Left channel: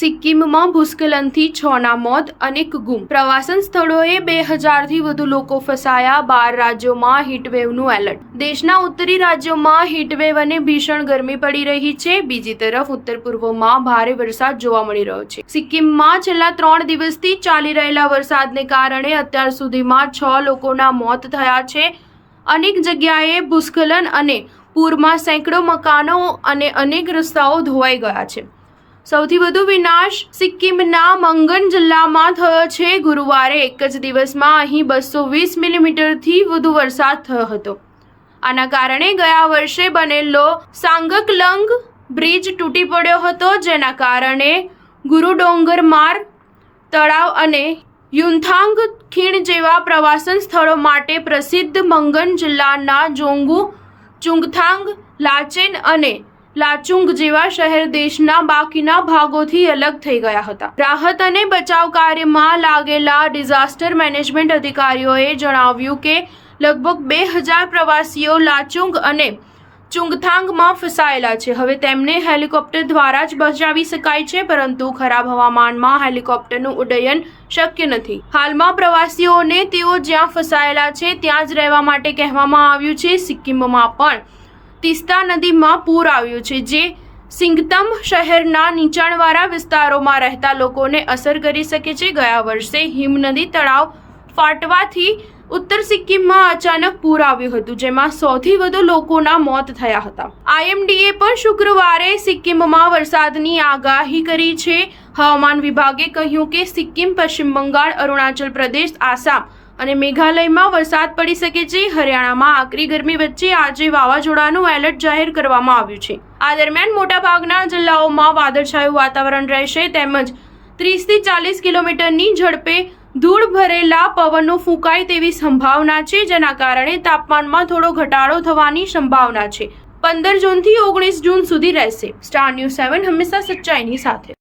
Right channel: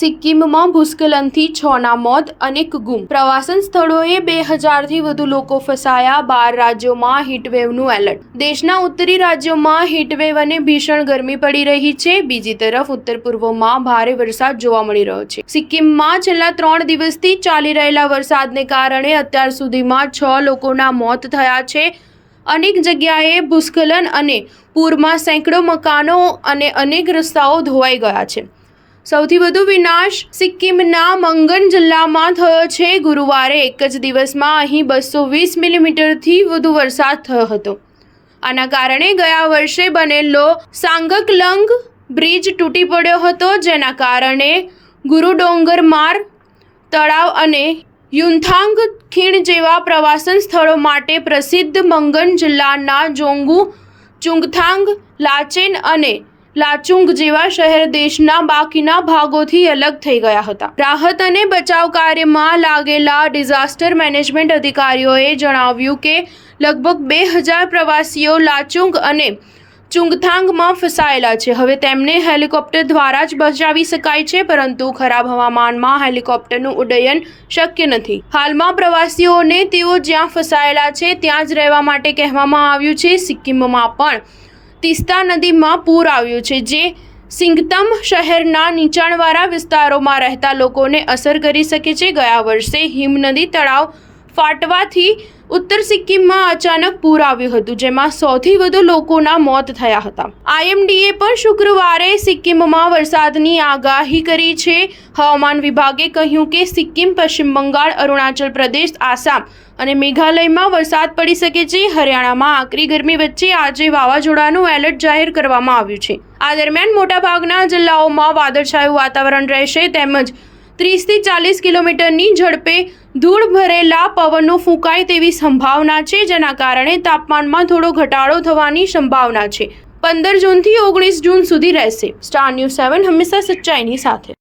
સિક્કિમમાં ભૂસ્ખલનથી 6ના મોત, અનેક ગુમ. પ્રવાસન સ્થળોએ 2000થી વધુ લોકો ફસાયા. 12 રાજ્યોમાં હીટવેવનું એલર્ટ. દેશના ઉત્તરી રાજ્યોમાં હીટવેવ અને ભીષણ ગરમી પડી રહી છે. બીજી તરફ ઉત્તર પૂર્વમાં ભારે વરસાદ જોવા મળી રહ્યો છે. સિક્કિમમાં છેલ્લા 3 દિવસથી ચાલી રહેલા વરસાદને કારણે અત્યાર સુધીમાં 6 લોકોના મોત થયા છે. અનેક જગ્યાએ ભૂસ્ખલન અને પૂરમાં સેંકડો મકાનો અને અનેક રસ્તાઓ ધોવાઈ ગયા છે. સૌથી વધુ વિનાશ સિક્કિમના મંગન જિલ્લામાં થયો છે. ગુરુવારે એક જ દિવસમાં અહીં 220 મિલીમીટરથી વધુ વરસાદ થયો હતો. આના કારણે ગયા વર્ષે બનેલો સાંગકલંગ બ્રિજ તૂટી પડ્યો હતો, જેના કારણે ગુરુડોંગરમાર તળાવ અને યુમથાંગ ખીણ જેવા પ્રવાસન સ્થળો માટે પ્રસિદ્ધ મંગન જિલ્લાના જોંગુ, ચુંગથાંગ, લાચેન અને લાચુંગ જેવા શહેર દેશના બાકીના ભાગોથી અલગ થઈ ગયા હતા. રાહત અને બચાવ કાર્યમાં લાગેલા ડિઝાસ્ટર મેનેજમેન્ટ અધિકારીઓએ જણાવ્યું કે લગભગ 2000 પ્રવાસીઓ લાચુંગ અને ચુંગથાંગમાં ફસાયેલા છે. હવે તેમને હેલિકોપ્ટર દ્વારા જ બચાવી શકાય છે, પરંતુ ખરાબ હવામાનમાં હેલિકોપ્ટરનું ઉડ્ડયન શક્ય નથી. હાલમાં પ્રવાસીઓને તેઓ જ્યાં ફસાયેલા છે ત્યાં જ રહેવા માટે કહેવામાં આવ્યું છે. સિક્કિમમાં પણ તીસ્તા નદીમાં પૂર આવ્યું છે, જે સિંગતમ શહેરના નીચાણવાળા વિસ્તારોમાં રહેતા લોકોને અસર કરી શકે છે. ગયા વર્ષે હિમનદી તળાવ ફાટવાથી ઉત્તર સિક્કિમમાં અચાનક પૂર આવ્યું હતું, જેમાં 100થી વધુ લોકોના મોત થયા હતા. IMDએ પણ શુક્રવારે સિક્કિમમાં વરસાદની આગાહી કરી છે. હવામાન વિભાગે કહ્યું કે સિક્કિમ, પશ્ચિમ બંગાળ, અરુણાચલ પ્રદેશ, આસામ અને મેઘાલયમાં વરસાદ પડી શકે છે. હરિયાણામાં આકરી ગરમી વચ્ચે આજે વાવાઝોડાનું એલર્ટ જાહેર કરવામાં આવ્યું છે. આ દરમિયાન મોટાભાગના જિલ્લાઓમાં વાદળછાયું વાતાવરણ રહેશે, તેમજ 30થી 40 કિલોમીટરની ઝડપે ધૂળ ભરેલા પવનો ફૂંકાય તેવી સંભાવના છે, જેના કારણે તાપમાનમાં થોડો ઘટાડો થવાની સંભાવના છે. 15 જૂનથી 19 જૂન સુધી રહેશે. સ્ટાર ન્યૂઝ 7 હંમેશા સચ્ચાઈની સાથે.